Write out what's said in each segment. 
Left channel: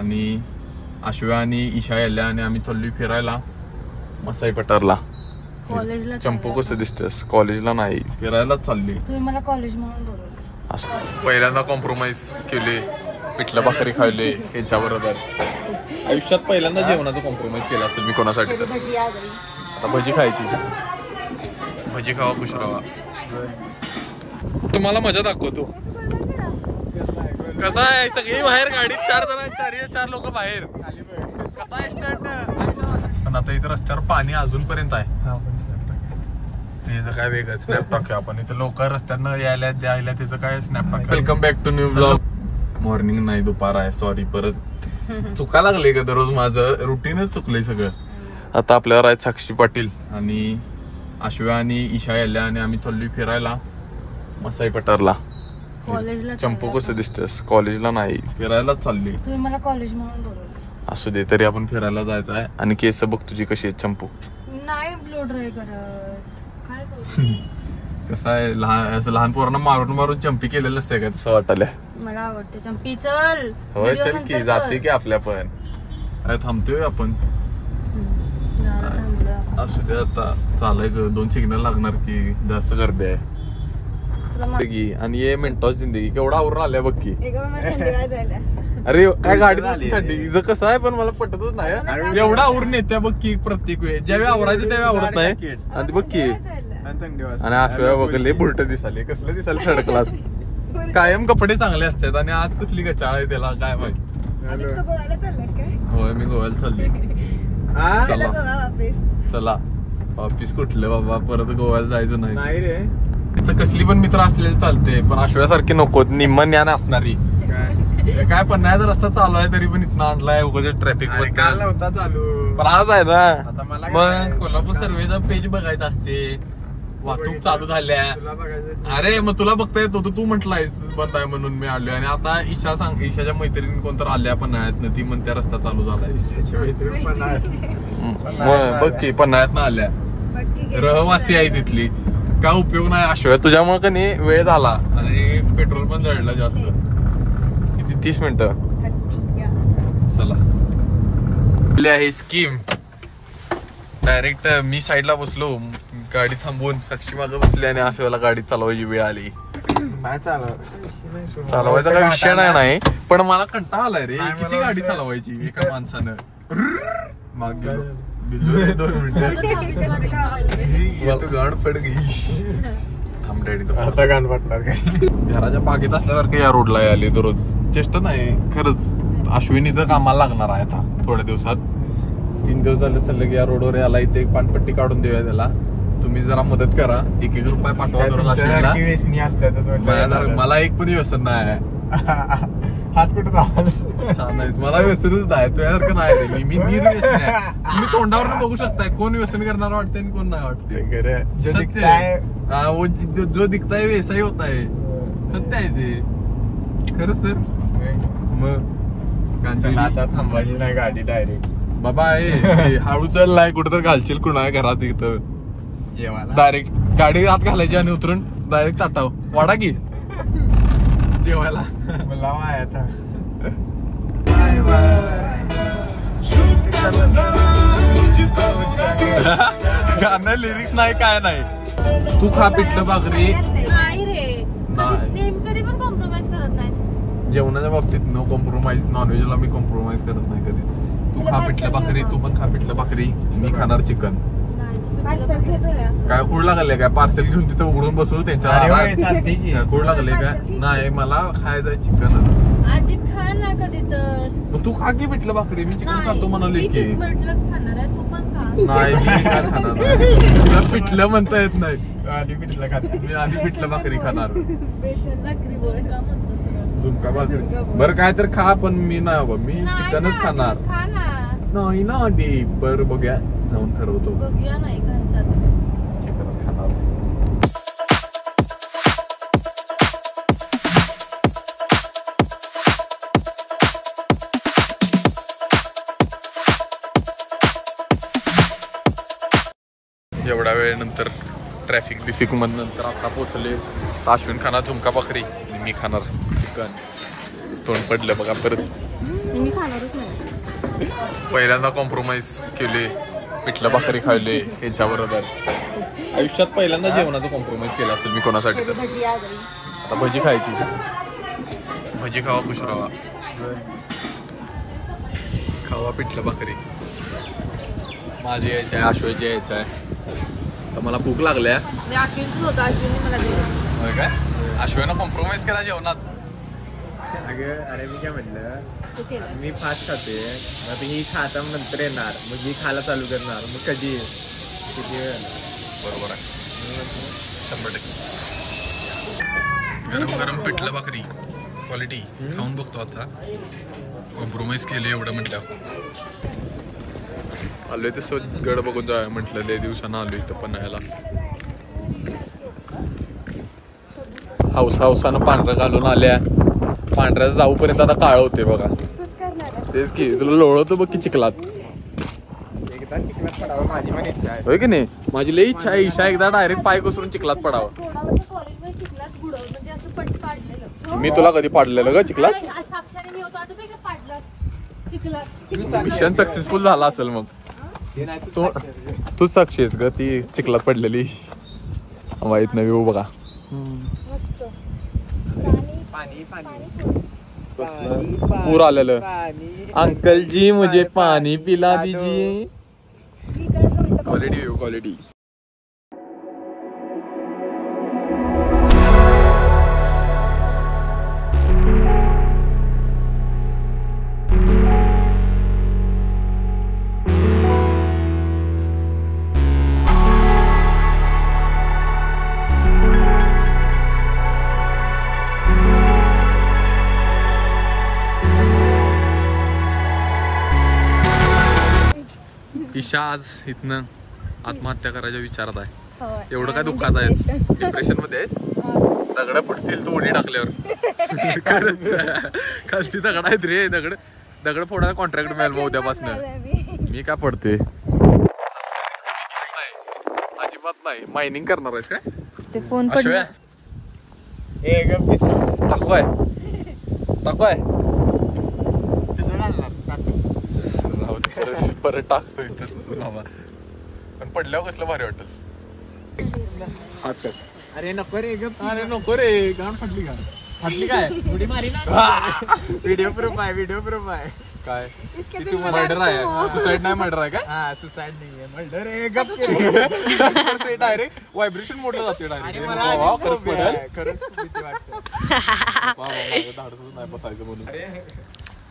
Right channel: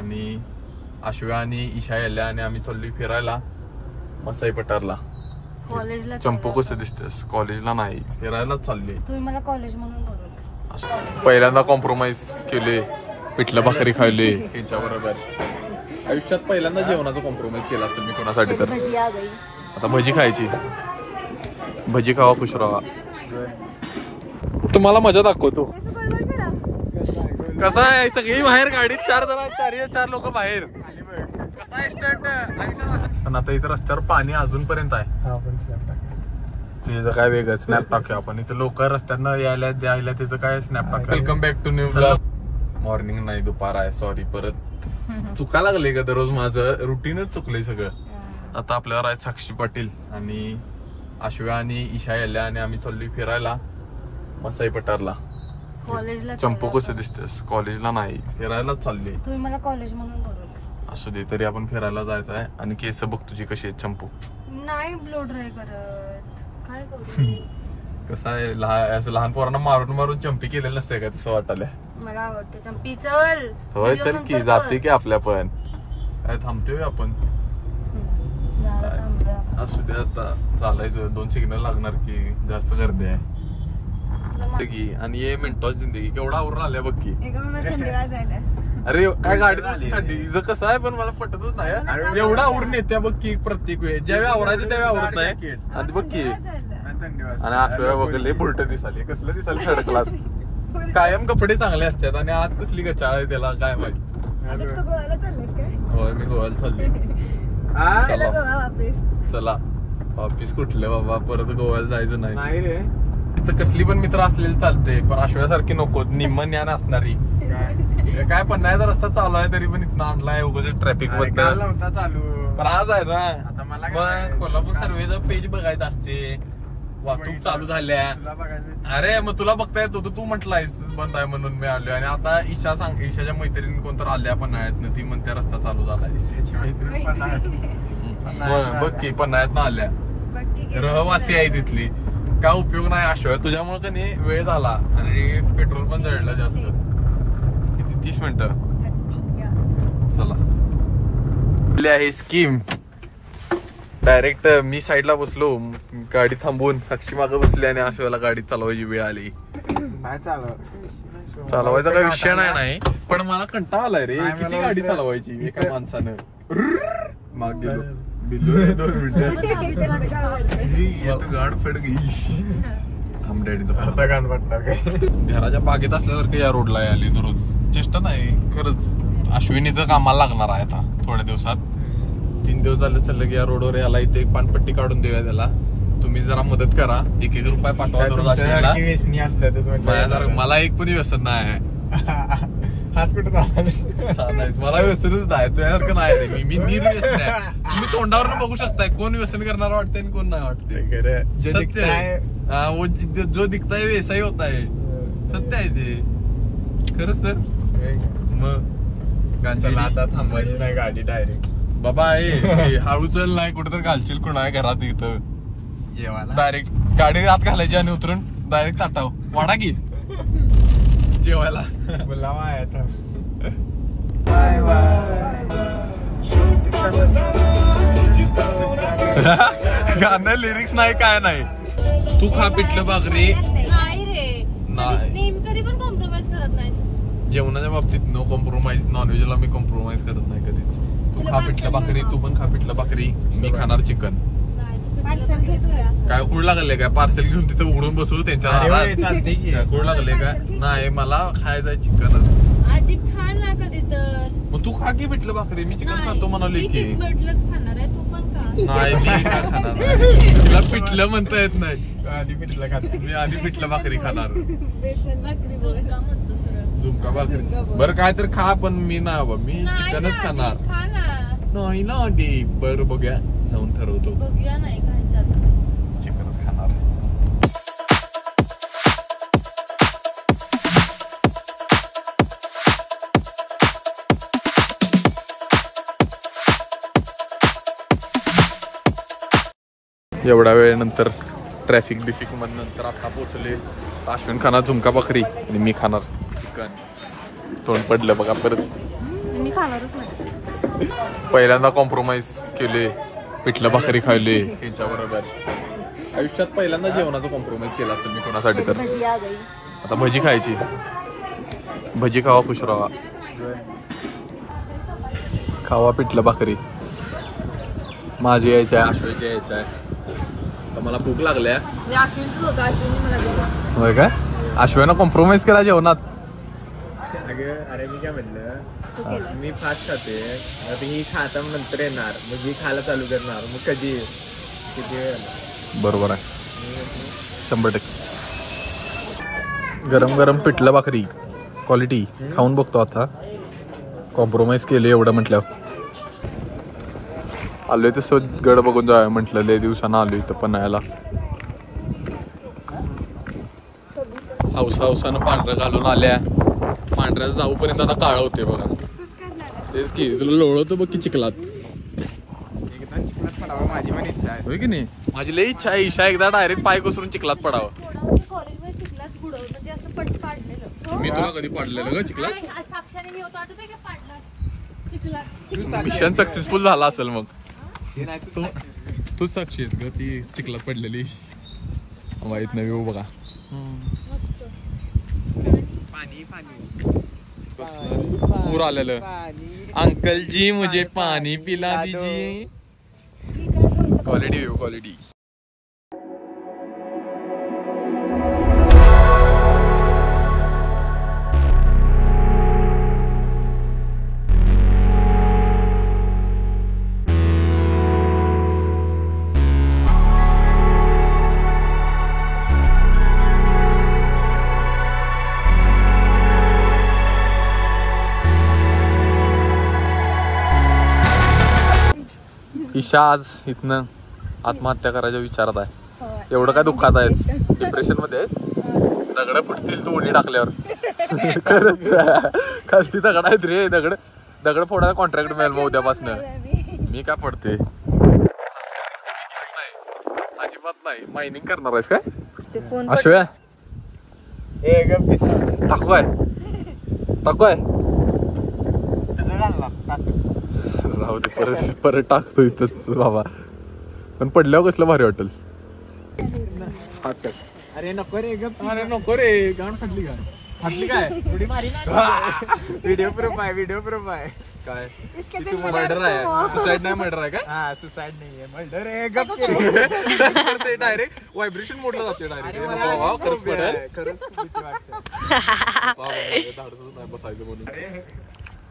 आणि आश्व्या आणि ईशा यायला आणि आम्ही चाललोय फिरायला मसाई पठारला. कॉलेजला चंपू कसं दिसतेस? कॉलेजला नाही, फिरायलाच चालली. तुम्ही मला कॉलेज म्हणून बोलवलं. पहिल्यांदा कॉम्प्रोमाइज केले, पिठलं भाकरी खाल्ली ह्यांच्या बरोबर. आयुष्यात पहिल्यांदा जेवणाचं कॉम्प्रोमाइज केलं असेल मी कोणासाठी तर. भजी खायची, भजी खावा खुश राहा. तुम्हाला मजा दाखवतो. कसं आहे, सगळी बाहेर गाडीत 4 जण आहेत, 4 लोक बाहेर. कसा आहे स्टंट आयुष्यात. पण आता इथं रस्त्यावर पाणी अजूनपर्यंत आहे. त्याचं काय वेगळं स्नॅप टाकूया आपण. इथं लोक रस्त्यानं यायला द्यायला त्याचं काय स्नॅप टाक. Welcome back to new blog. Morning नाही, दुपार आहे. सॉरी, परत चुका लागले का दररोज माझं रुटीनच चुकलंय सगळं. आता आपल्यावर आहेत साक्षी पाटील आणि आश्व्या आणि ईशा यायला आणि आम्ही चाललोय फिरायला मसाई पठारला. कॉलेजला चंपू कसं दिसतेस? कॉलेजला नाही, फिरायलाच चालली. तुम्ही मला कॉलेज म्हणून बोलवलं. असू दे, तरी आपण फिरायला जायचं आहे. आणि केस बघ तुझी कशी आहेत चंपू. नाही ब्लो ड्राय करत, काय करू. कसं आहे, असं लहान पोरांना मारून मारून चंपी केलेलं असते का तसं वाटायला. मला आवडते चंपी. चल होय, चल की, जाते की आपल्या पण. थांबतोय आपण. असू दे, आता चालायचं. 2 सिग्नल लागणार की, जास्त गर्दी आहे. आणि ये मिनिटाची जिंदगी केवढा आवरून आल्या बघ की. अरे काय गाडी झाली कसं आहे, पण मला पटतच नाही. एवढा आवरून येत्या बघ की प्रत्येक वेळी. ज्यावेळी आवरायचं त्यावेळी आवरत नाही. आणि बघ की, आणि अशा बघले बुलट दिसाले, कसले दिसाले थर्ड क्लास. कायम कपडे चांगले असतात आणि आज कसली गचाळ आहे त्याला काय माहिती. होय, मी गोव्याला चाललोय. चला ऑफिस कुठलं बाबा, परत गोव्याला जायचं नाही रे. इथं कसली पण मित्र असलेले चालते, पण आश्व्यासारखी नको, निम्म ज्ञान असणारी. काय पन्हाळ्याचा रस्ता चालू आहे तरी पण इथं आणलाय उगाच ट्रॅफिक होता चालू. पण आज आहे ना, मग कोल्हापूर सर्वेचं पेज बघायचं असते. वाहतूक चालू झाल्या. अरे मग तुला बघता येतो, तू म्हटलायस बंद आहे म्हणून मी आलोय. आणि आता ईशाच्या मैत्रिणी कोणतर आल्या पन्हाळ्यात, ती म्हणते रस्ता चालू झाला. ईशाची मैत्रीण पन्हाळ्यात बघ की, पन्हाळ्यात आल्या, रहवासी आहे तिथली. काय उपयोग नाही आश्व्या, तुझ्यामुळे का नाही वेळ झाला आणि पेट्रोल पण जळलं जास्त. किती 30 मिनिटं. चला, आहे स्कीम. डायरेक्ट मी साईडला बसलो, गाडी थांबवून साक्षी मागं बसली आणि आश्व्याला गाडी चालवायची वेळ आली. चालवायचा काही विषय नाही, पण मला कंटाळा आलाय रे. किती गाडी चालवायची एका माणसानं. मग गेलो 2 मिनिटं गाड पड गई. आता गाण पडणार काय. घराच्या बागेत असल्यासारखं या रोडला आले दररोज. चेष्टा नाही खरंच. अश्विनी तर कामाला लागणार आहे आता थोड्या दिवसात. 3 दिवस झाले सलग या रोडवर याला. इथे एक पानपट्टी काढून देऊया त्याला. तुम्ही जरा मदत करा, 1-1 रुपये पाठवा दररोज. मला एक पण व्यसन नाही. हात कुठं मला व्यसनच नाही, तुझ्यासारखं नाही रे. मी व्यसन आहे. तुम्ही तोंडावर बघू शकताय कोण व्यसन करणार वाटतंय आणि कोण नाही वाटतंय. जो दिखता है वैसा ही होता है. सत्य आहे ते खरंच. तर मग आता थांबायची नाही गाडी डायरेक्ट. बाबा हळू चल, नाही कुठं तर घालशील कुणा घरात. इथं जेवायला डायरेक्ट गाडी आत घालायची आणि उतरून डायरेक्ट ताटाव वाडा की जेवायला. मला आता लिरिक्स नाही काय नाही. तू खा पिठलं भाकरी. नाही रे, कधी पण कॉम्प्रोमाइज करत नाही. जेवणाच्या बाबतीत नो कॉम्प्रोमाइज. नॉनव्हेजला मी कॉम्प्रोमाइज करत नाही कधीच. तू खा पिठलं भाकरी, तू पण खा पिठलं भाकरी. मी खाणार चिकन. काय कुड लागले काय? पार्सल घेऊन तिथे उघडून बसू त्यांच्या. कुड लागले काय? नाही, मला खायचंय चिकन. आधी खा ना कधी तर. मग तू खा की पिठलं भाकरी. मी चिकन खातो म्हणाले की. खाणार आहे, तू पण खा. नाही, मी काय खाणार नाही. तुला पिठलं म्हणता येत नाही. आधी पिठलं खाणार. मी आधी पिठलं भाकरी खाणार. झुणका भाकरी बरं काय तर खा, पण मी नाही. मी चिकनच खाणार. नाही ना दे. बरं बघूया, जाऊन ठरवतो. बघूया, नाही खायचं चिकनच खाणार. एवढ्या वेळेनंतर ट्रॅफिक बिफिक मधून नंतर आता पोहोचले. अश्विन खाणार झुणका भाकरी आणि मी खाणार चिकन. तोंड पडलं बघा परत. मी खाणारच नाही. पहिल्यांदा कॉम्प्रोमाइज केले, इटली भाकरी खाल्ली ह्यांच्या बरोबर. आयुष्यात पहिल्यांदा जेवणाचं कॉम्प्रोमाइज केलं असेल मी कोणासाठी तर. भजी खायची, भजी खावा खुश राहा. खावा पिठलं भाकरी. माझी यायची आहे, आश्वाची यायची आहे. तर मला भूक लागल्या. अश्विनच होतं, अश्विनने मला दिलं. होय काय? अश्वानं कॉम्प्रोमाइज केला जेवणात. अगं अरे मी काय म्हटलं, मी फास्ट खाते, मग ही खाता नंतर येणार, मग ही खायला चालू करणार, मग कधी किती वेळ? बरोबर आहे, 100%. गरम गरम पिठलं भाकरी क्वालिटी खाऊन बघतो आता. कॉम्प्रोमाइज केले एवढं म्हटलं. आलोय तसं गड बघून जाय म्हटलं, लय दिवसानं आलोय इथं पन्हाळ्याला. हौसानं पांढरं घालून आल्या. पांढऱ्या जाऊपर्यंत आता काळं होते बघा. तेच की तुला लोळवतो बघ की चिखलात. एकदा चिखलात पडावं माझी पण इच्छा आहे. होय की नाही? माझी लई इच्छा आहे ईशा एकदा डायरेक्ट पाय घसरून चिखलात पडावं. कॉलेजमध्ये चिखलात बुडवलं, म्हणजे असं पाडलेलं. मी तुला कधी पाडलेलं ग चिखलात? साक्षाने मी होतो, आठवतंय का पाडलं चिखलात? मिशन सक्सेसफुल झाला असेल मग. तूच साक्षी आहेस ग ती चिखलात पडलेली. माहित नाही व्यू बघा. मस्त. पाणी पूर आलेलं. अंकल जी मुझे पाणी पिला दीजिए. Quality view quality. ईशा आज इथनं आत्महत्या करायच्या विचारात आहे. एवढं काय दुःखात आहे? डिप्रेशन मध्ये आहे? दगड फुटतील तू उडी टाकल्यावर. खालची दगड आहेत रे. दगड फोडायला कॉन्ट्रॅक्ट मिळेल मग उद्यापासून. मी काय फोडते? अजिबात नाही. मायनिंग करणार आहेस काय? अश्व्या टाकूय परत टाकतो इथंच बाबा. पण पडल्यावर कसलं भारी वाटेल. अरे नको रे ग. अरे नको रे. गाण फाटली का? फाटली काय? उडी मारी ना. व्हिडिओ प्रूफ आहे. काय तू मर्डर आहे? सुसाईड नाही मर्डर आहे का? हा सुसाईड नाहीये, मर्डर आहे. गप डायरेक्ट व्हायब्रेशन मोडलं जाते डायरेक्ट. खरंच भीती वाटते. धाडसच नाही बसायचं म्हणून.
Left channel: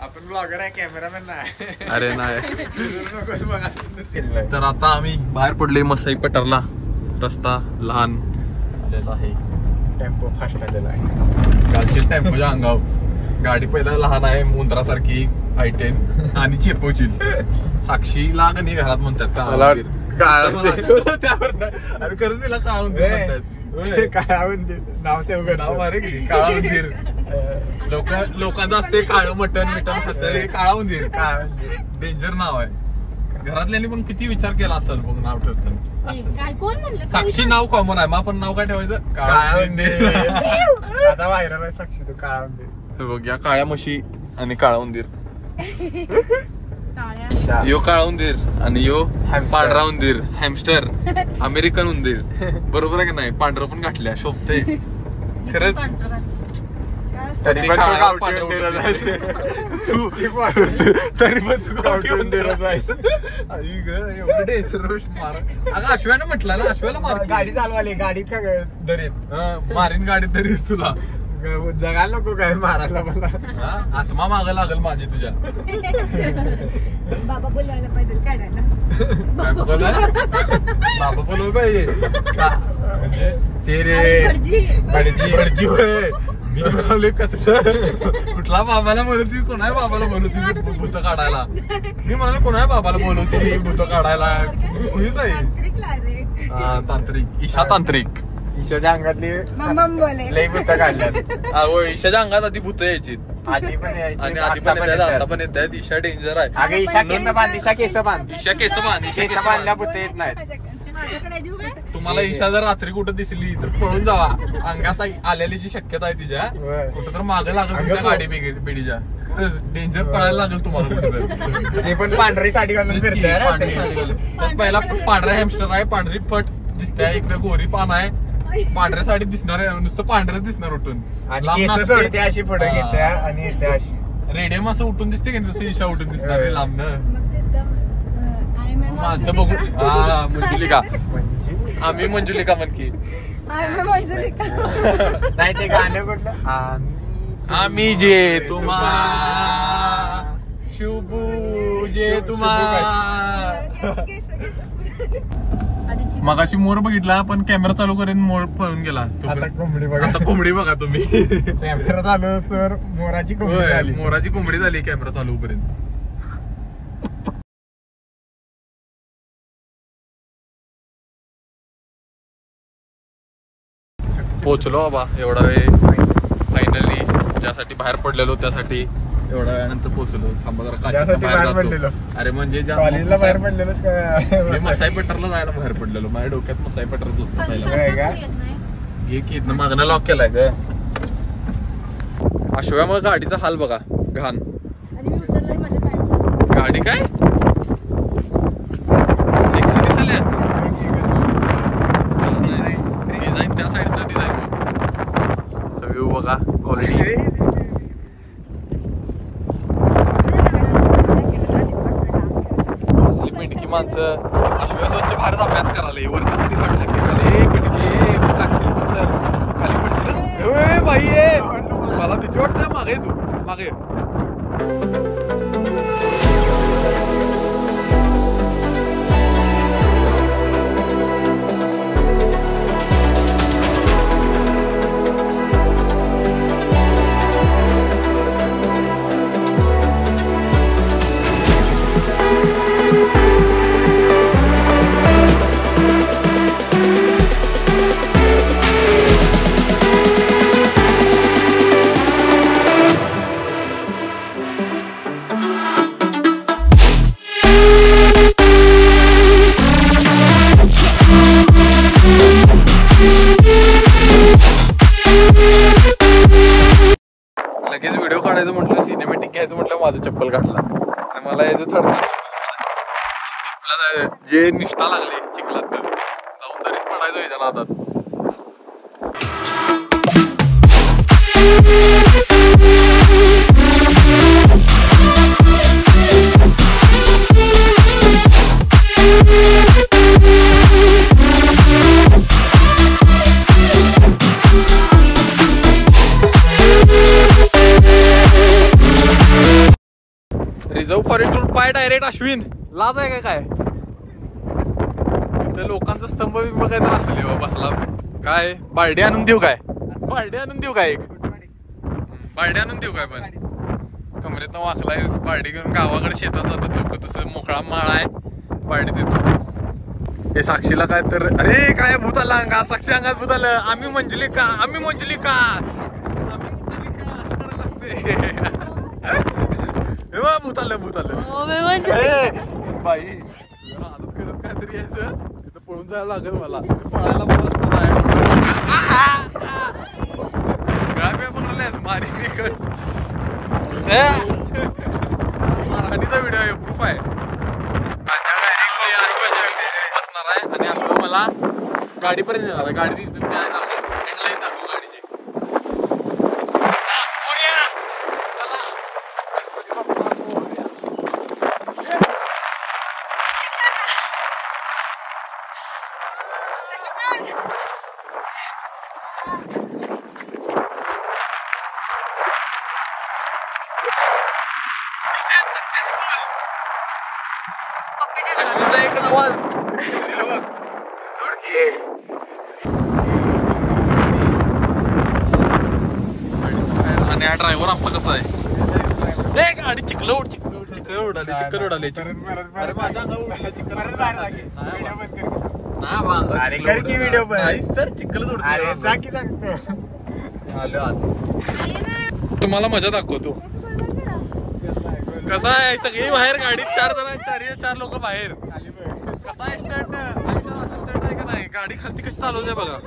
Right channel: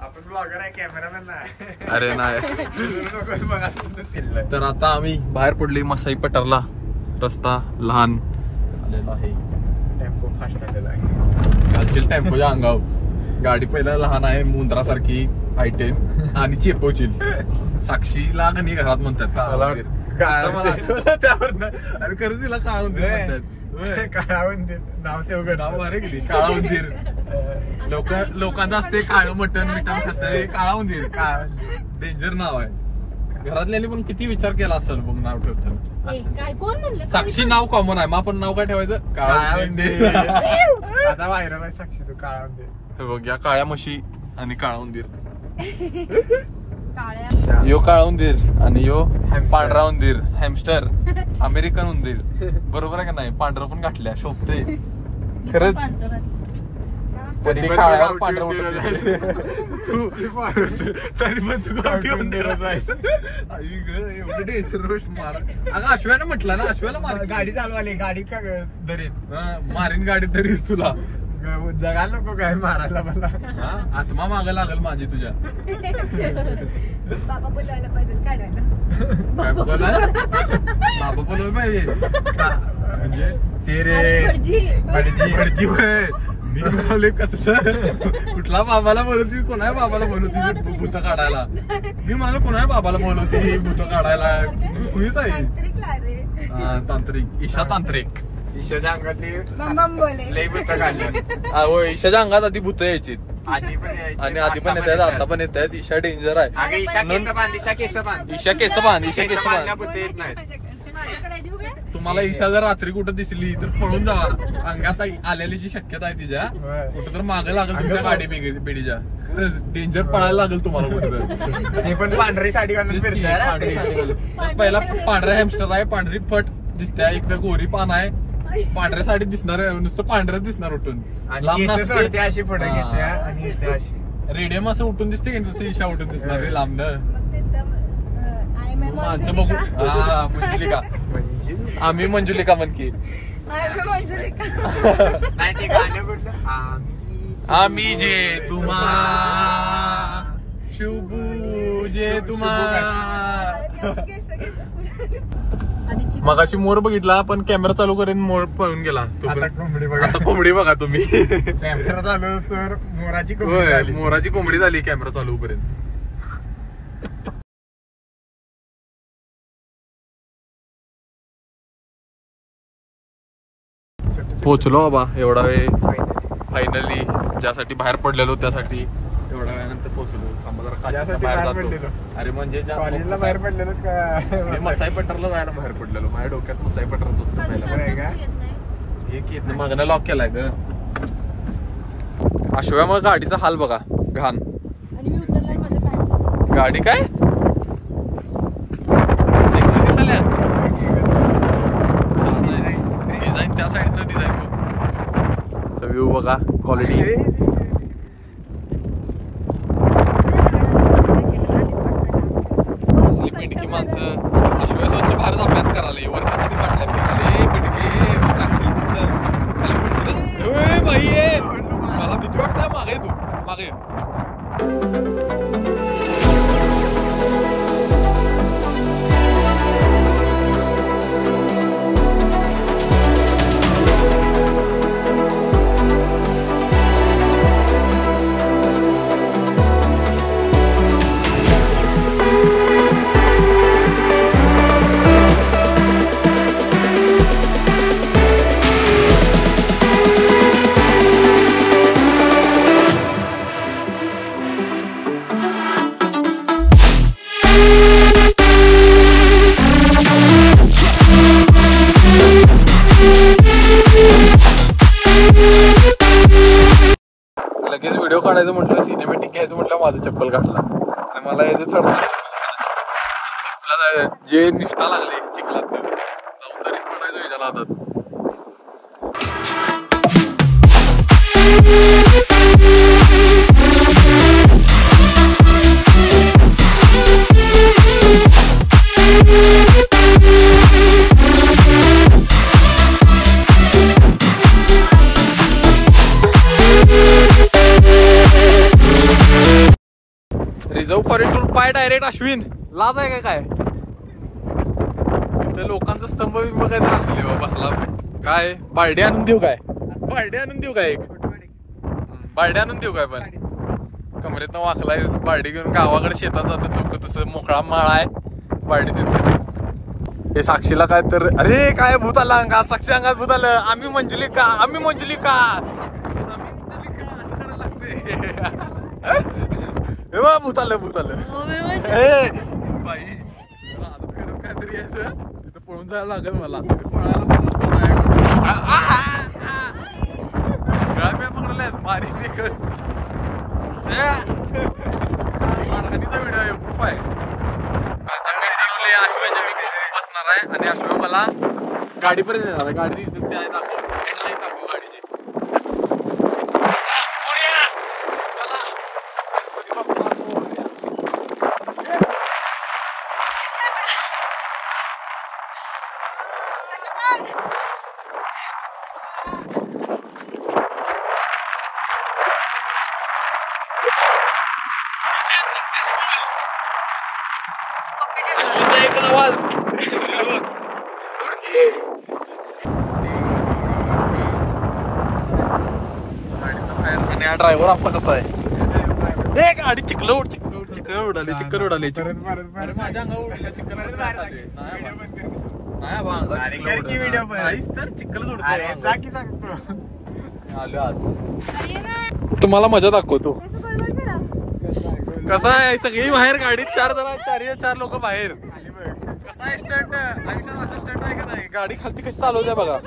आपण ब्लॉगर आहे, कॅमेरामॅन नाही. अरे नाही. तर आता आम्ही बाहेर पडले मसाई पटरला. रस्ता लहान आलेला आहे. टेम्पो फास्ट आलेला आहे. कालची टेम्पोच्या अंगावर गाडी पहिला लहान आहे, मुंद्रासारखी I10 आणि चेपवची. साक्षीला का नाही घरात म्हणतात त्यावर. अरे खरंच तिला काळा उंदीर म्हणतात. काळा उंदीर नाव सेव नाव अरे किती काळा उंदीर. लोकांचं असते काळं मटण खाते. काळा उंदीर डेंजर नाव आहे. घरातल्यानी पण किती विचार केला असेल बघ नाव ठेवताना. साक्षी नाव कॉमन आहे, मग आपण नाव काय ठेवायचं? काळा उंदीर. आता व्हायरल आहे साक्षी तो काळा उंदीर. बघ या काळ्या म्हशी आणि काळा उंदीर. काळ्या यो काळा उंदीर आणि यो पांढरा उंदीर. हॅमस्टर अमेरिकन उंदीर. बरोबर आहे का नाही? पांढरं पण घातल्या शोभते खरंच. तरी पण तू गावठी उंदीर अगं अश्व्याने म्हटलं ना. अश्व्याला गाडी चालवाली, गाडी का दरीत मारीन गाडीत तरी तुला. जगायला नको काय मारायला मला. आत्मा मागं लागल माझी तुझ्या. बाबा बोलवायला पाहिजे काढायला. बाबा बोलवलं पाहिजे. म्हणजे ते रे भटजी होय. मी म्हणाले कसं कुठला बाबाला बोलवतीस? कोणा बाबाला बोलवतीस भूत काढायला? मी म्हणाले कोणा बाबाला बोलवती भूत काढायला? कुणीच आहे. हा तांत्रिक. ईशा तांत्रिक. ईशाच्या अंगातली लई भूत काढल्या. ईशाच्या अंगात आधी भूत यायची. आधी पण यायची आणि आधी पण येतात, आता पण येत आहेत. ईशा डेंजर आहे. ईशा केस बांध. ईशा केस बांध. ईशा केस बांधल्या भूत येत नाहीत. माझ्याकडे देऊ काय? तुम्हाला ईशा जर रात्री कुठं दिसली तर पळून जावा. अंगात आलेलीची शक्यता आहे तिच्या. कुठं तर मागे लागेल तुमच्या गाडी बिडीच्या. खरंच डेंजर पळायला लागेल तुम्हाला कुठं तर. ते पण पांढरी साडी घालून फिरते. पहिला पांढरा हॅमस्टर आहे, पांढरी फट दिसते, एकदा गोरी पान आहे, पांढऱ्या साडीत दिसणार, नुसतं पांढरच दिसणार उठून. अशी फोटो घेते आणि अशी रेडियम असं उठून दिसते की तसं ईशा उठून दिसणार रे लांबनं. माणसं बघू. हा मंजुलिका, आम्ही मंजुलिका म्हणकी. नाही ते गाणं कुठलं, आम्ही जे तुम्हा शुभू जे तुम्हा. मगाशी मोर बघितला पण कॅमेरा चालू करेन मोर पळून गेला. आता कोंबडी बघा तुम्ही. कॅमेरा चालू तर मोराची कोंबडी झाली कॅमेरा चालू पर्यंत. पोचलो बाबा एवढा वेळ फायनली. ज्यासाठी बाहेर पडलेलो त्यासाठी एवढ्या वेळानंतर पोहोचलो. थांबा जरा बाहेर जातो. अरे म्हणजे कॉलेजला बाहेर पडलेलोच का? मी मसाई पठारला जायला बाहेर पडलेलो. माझ्या डोक्यात मसाई पठारच होतं पहिला. हे की मागणं लॉक केलाय ग. अशोयामुळे गाडीचा हाल बघा घाण. गाडी काय डिझाईन, त्या साईडनं डिझाईन व्ह्यू बघा, क्वालिटी. असली पिटकी माणसं अशोया स्वच्छ भारत अभ्यास करायला वरती किती वाटलं खाली पडची बाई. मला भीती वाटतंय. मागे तू मागे. लगेच व्हिडिओ काढायचं म्हटलं, सिनेमॅटिक घ्यायचं म्हटलं, माझं चप्पल घातला आणि मला याचं थोडं चप्पला जे निष्ठा लागली चिखलात जाऊन तरी पडायचं याच्या नादात. रिझर्व फॉरेस्ट पाय डायरेक्ट अश्विन. लाज आहे काय? तर लोकांचा स्तंभ बिंब काय तर असेल बसला. काय बारडी आणून देऊ काय? बारडी आणून देऊ काय? बारडी आणून देऊ काय? पण कमरेतनं वाकलाय बारडी घेऊन गावाकडे शेतात जातात लोक. तसं मोकळा माळा आहे, बारडी देतो. हे साक्षीला काय तर अरे काय भूत आला अंगात. साक्षी अंगात भूत आलं. आम्ही मंजुलिका, आम्ही मंजुलिका, आम्ही मंजुलिका असं करायला लागते. भूत आलं भूत आलं. बाई तुझ्या आदत करत काहीतरी यायचं तिथं पळून जायला लागेल मला. पळायला पण रस्ता नाही. गळाप्या पकडल्यास मारी कस. मारहाणीचा व्हिडिओ आहे, प्रूफ आहे. अश्वाच्या बसणार आहे आणि अश्वा मला गाडीपर्यंत येणार आहे. गाडी हँडलाईन दाखव गाडीची. आणि हा ड्रायव्हर आपला कसा आहे? गाडी चिखल उडाली. अरे माझ्या अंगावर उडलं चिखल. नाहीच तर चिखलच उडते. तुम्हाला मजा दाखवतो कसं आहे. सगळी बाहेर गाडीत 4 जण आहेत, 4 लोक बाहेर. असा स्टंट आयुष्यात असं स्टंट आहे का नाही. गाडी खालती कशी चालवते बघा.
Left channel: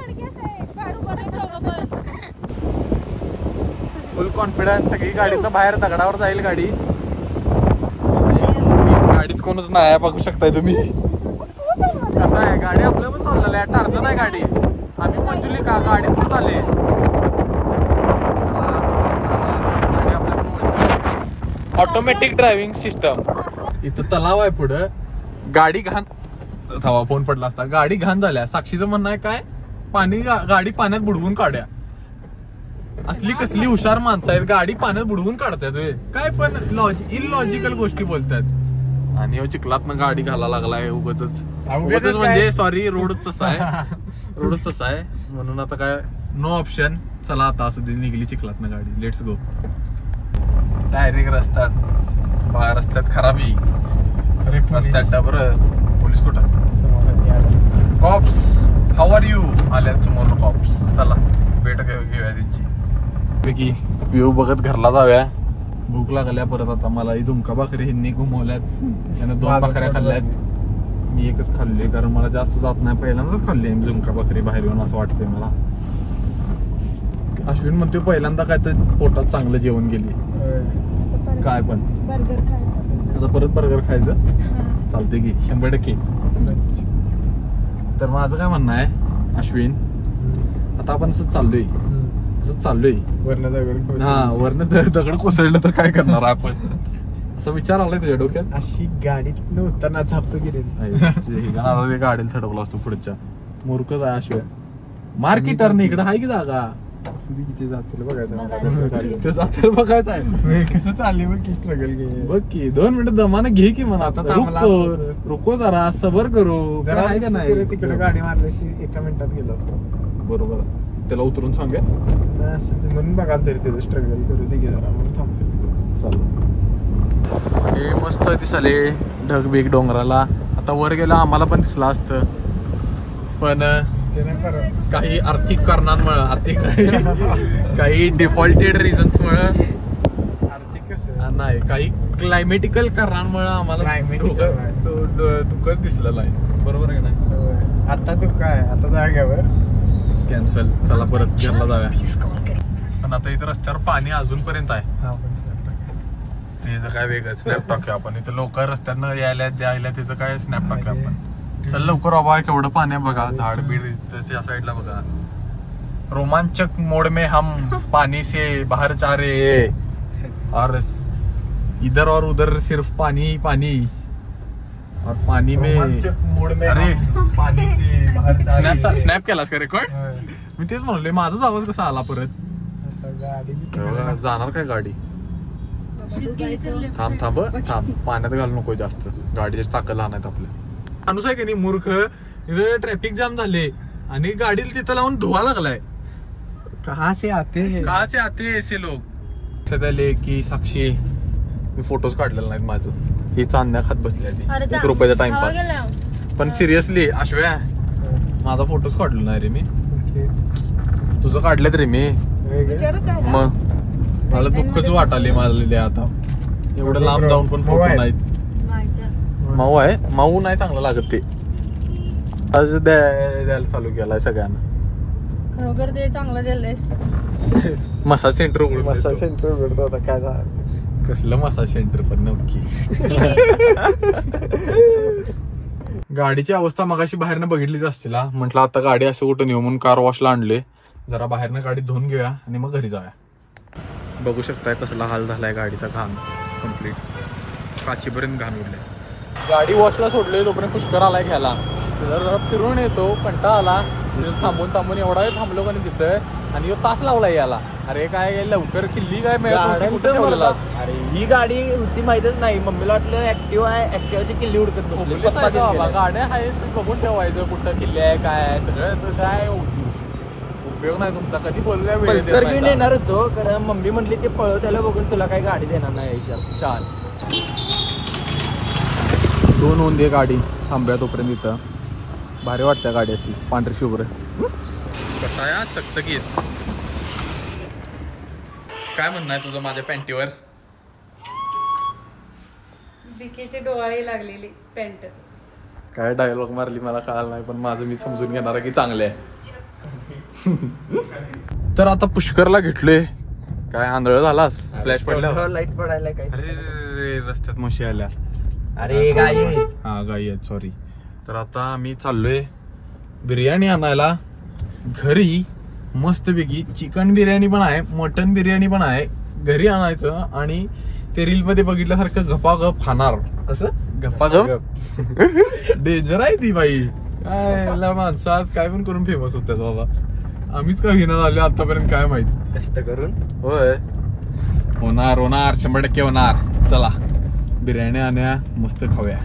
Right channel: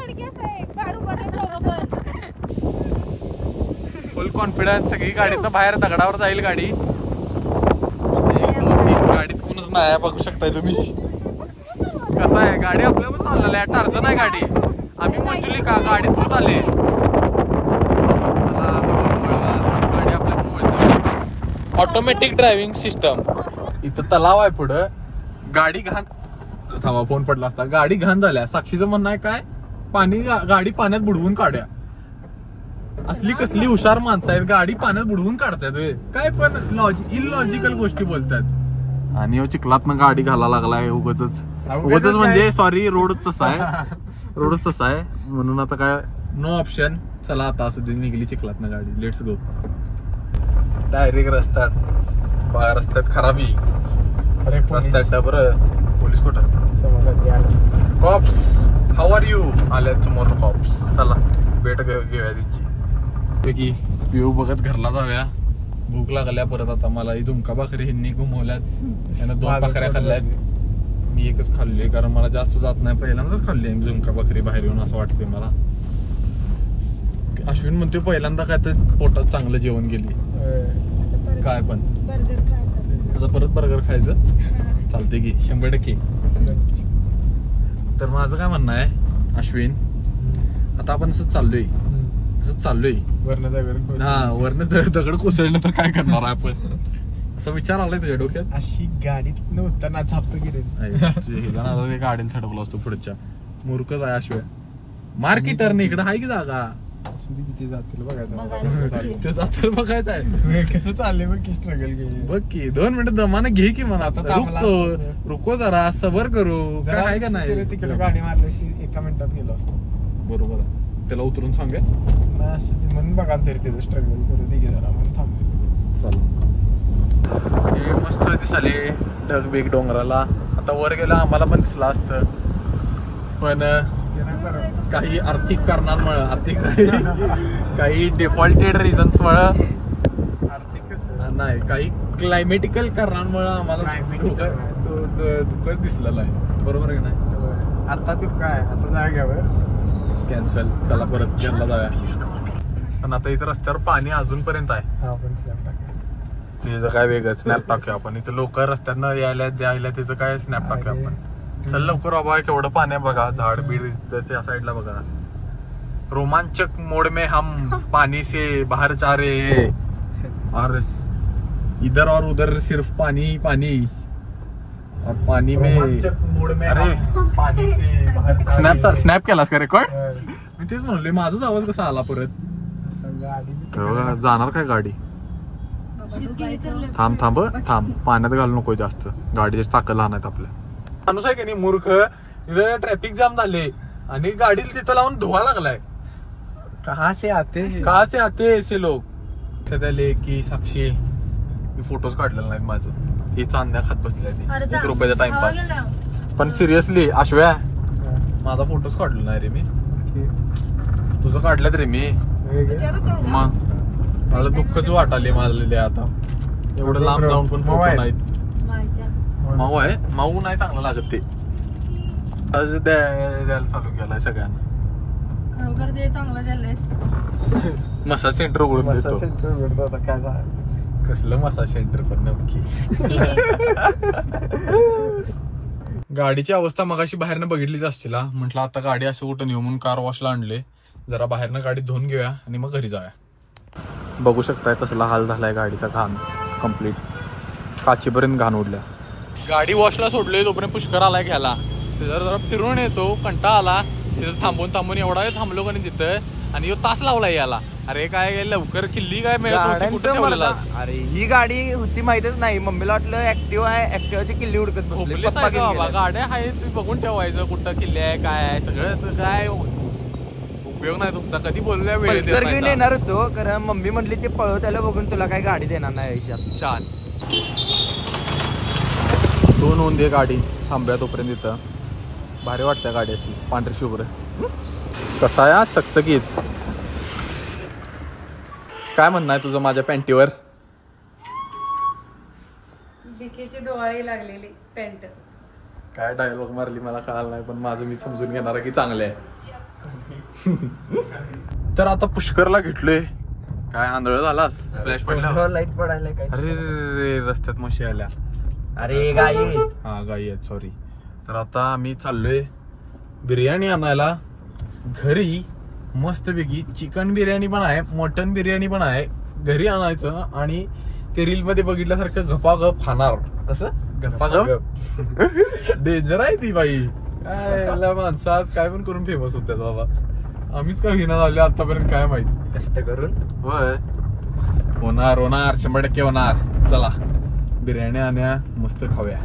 फुल कॉन्फिडन्स. सगळी गाडीतनं बाहेर दगडावर जाईल गाडी. गाडीत कोणच नाही बघू शकताय तुम्ही. कसं आहे गाडी आपल्या पण चाललेली आहे. टार्झन आहे गाडी. आम्ही मंजुली का गाडीत दूध आले. गाडी आपल्या पण ऑटोमॅटिक ड्रायव्हिंग सिस्टम. इथं तलाव आहे पुढं. गाडी घाण थांबा फोन पडला असता. गाडी घाण झाल्या. साक्षीचं म्हणणं आहे काय पाणी गाडी पाण्यात बुडवून काढ्या. असली कसली हुशार माणसं आहेत. गाडी पाण्यात बुडवून काढतात काय पण इलॉजिकल गोष्टी बोलतात. आणि चिखलातनं गाडी घाला लागलाय उगाच म्हणजे सॉरी रोड तसा आहे. रोडच तसा आहे म्हणून आता काय नो ऑप्शन. चला आता असं निघली चिखलातनं गाडी. Let's go. डायरेक्ट रस्त्यात खराबी रस्त्यात बरं. पोलीस कुठं कॉप्स हाऊ आर यू आल्यात समोर कॉप्स. चला भेट घेऊया त्यांची पैकी. व्ह्यू बघत घरला जाऊया. भूक लागल्या परत आता मला. ही झुमका भाकरी ह्यांनी घुमवल्यात. त्यानं 2 भाकऱ्या खाल्ल्यात. मी एकच खाल्ली कारण मला जास्त जात नाही. पहिल्यांदाच खाल्ली झुमका भाकरी बाहेर येऊन असं वाटतंय मला. अश्विन म्हणतोय पहिल्यांदा काय तर पोटात चांगलं जेवण गेली काय पण. आता परत बर्गर खायचं चालतंय की 100%. तर माझं काय म्हणणं आहे अश्विन आता आपण असंच चाललोय वरनं दगड कोसळलं तर काय करणार आपण असं विचार आलाय तुझ्या डोक्यात. अशी गाडीत नव्हताना झाप गेली. गाडीला चढवला असतो पुढच्या. मूर्खच आहे अश्विन. मार्केटरने इकडे आहे की जागा. किती जातील बघायचं. बघायचं आहे कसं चाललंय बघ की स्ट्रगल घे. बघ की 2 मिनिटं दमानं घे की मला. आता रुको जरा सबर करू. काय का नाही तिकडे गाडी मारली 1 मिनिटात गेलो असतो. बरोबर. त्याला उतरून सांगेल म्हणून बघा तरी त्याचं स्ट्रगल करू दे जरा म्हणून थांबले. चल मस्त दिसले ढग बिग डोंगराला. आता वर गेला आम्हाला पण दिसला असतं पण काही आर्थिक कारणांमुळे आर्थिक काही डिफॉल्टेड रिझन्समुळे नाही काही क्लायमेटिकल कारणांमुळे आम्हाला धुकच दिसलेलं आहे. बरोबर आहे नाही. आता धुका आहे. आता जाग्यावर कॅन्सल. चला परत घरला जाऊया. पण आता इथं रस्त्यावर पाणी अजूनपर्यंत आहे. त्याचं काय वेगळं स्नॅप टाकूया आपण. इथं लोक रस्त्यानं यायला द्यायला त्याचं काय स्नॅप टाकूया आपण. चल लवकर बाबा. केवढं पाणी आहे बघा. झाड बीड त्या साईडला बघा. रोमांचक मोड में हम पानी से बाहर जा रहे और इधर और उधर सिर्फ पानी पानी और पानी में अरे पानी से स्नॅप केलास का रेकॉर्ड. मी तेच म्हणले माझाच आवाज कसा आला परत. जाणार काय गाडी. थांब पाण्यात घालू नको जास्त. गाडीची टाकं लहान आहेत आपल्या. माणूस आहे की नाही मूर्ख. इथं ट्रॅफिक जाम झाले आणि गाडीला तिथं लावून धुवा लागलाय. कहा से आते ऐसे लोग. सध्या की साक्षी मी फोटोज काढलेले नाहीत माझं. ही चांदण्या खात बसली आहे 1 रुपयाचा टाइमपास. पण सिरियसली आशव्या माझा फोटोज काढलेला नाही रे मी. तुझं काढलेत रे मी. मग मला दुःखच वाटाले मला आता. एवढं लांब जाऊन पण फोटो नाहीत. माऊ आहे. माऊ नाही चांगलं लागत ते. आज द्यायला चालू केलाय सगळ्यांना. खरोखर ते चांगलं दिलंयस. मसाज सेंटर उघडून आता काय झालं. कसलं मसाज सेंटर पण नक्की. गाडीची अवस्था मगाशी बाहेरनं बघितलीच असतील. म्हटलं आता गाडी असं कुठं नेऊ म्हणून कार वॉशला आणले. जरा बाहेरनं गाडी धुवून घेऊया आणि मग घरी जाऊया. बघू शकताय कसला हाल झालाय गाडीचा. घाण कम्प्लीट काचीपर्यंत घाण उडल्या. गाडी वॉशला सोडलोय तोपर्यंत पुष्कर आलाय घ्यायला. जरा फिरून येतो कंटाळा आला. तिथं थांबून एवढा वेळ थांबलो का नाही तिथं. आणि तास लावलाय याला. अरे काय लवकर किल्ली काय मिळत. अरे ही गाडी होती माहितच नाही. मम्मीला वाटलं ऍक्टिव्ह आहे. ऍक्टिव्हाची किल्ली उडकत बाबा. गाड्या आहेत बघून ठेवायचं कुठं किल्ली आहे काय आहे सगळं. काय उपयोग नाही तुमचा. कधी बोलल्या वेळ घेऊन येणार होतो कारण मम्मी म्हटली ते पळव त्याला बघून तुला काही गाडी देणार नाही. छान. 2 होऊन दे गाडी थांब्या तोपर्यंत. इथं भारी वाटते गाडी अशी पांढरी शुभ्र. कसा या चकचकीत. काय म्हणणं आहे तुझं माझ्या पॅन्टीवर. बिकीची डोळी लागलेली पॅन्ट. काय डायलॉग मारली मला कळालं नाही, पण माझं मी समजून घेणार आहे की चांगले आहे. तर आता पुष्करला घेतलोय. काय आंधळ झालास? फ्लॅश पडला, लाईट पडायला काय. अरे रस्त्यात म्हशी आल्या. अरे गाई. हा गाई आहेत, सॉरी. तर आता आम्ही चाललोय बिर्याणी आणायला घरी. मस्तपैकी चिकन बिर्याणी पण आहे, मटन बिर्याणी पण आहे. घरी आणायचं आणि ते रील मध्ये बघितल्यासारखं गपागप खाणार. कसं गपागप डेंजर आहे ती बाई. काय माणसं आज काय पण करून फेमस होत्यात बाबा. आम्हीच का विना झाले आतापर्यंत काय माहित. कष्ट करून. होय, होणार 100% होणार. चला बिर्याणी आणूया, मस्त खाऊया.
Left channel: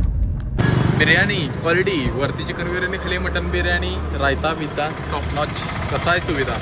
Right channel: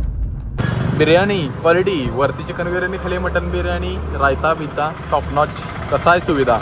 बिर्याणी क्वालिटी, वरती चिकन बिर्याणी, खाली मटन बिर्याणी, रायता बिता टॉप नॉच. कसा आहे सुविधा?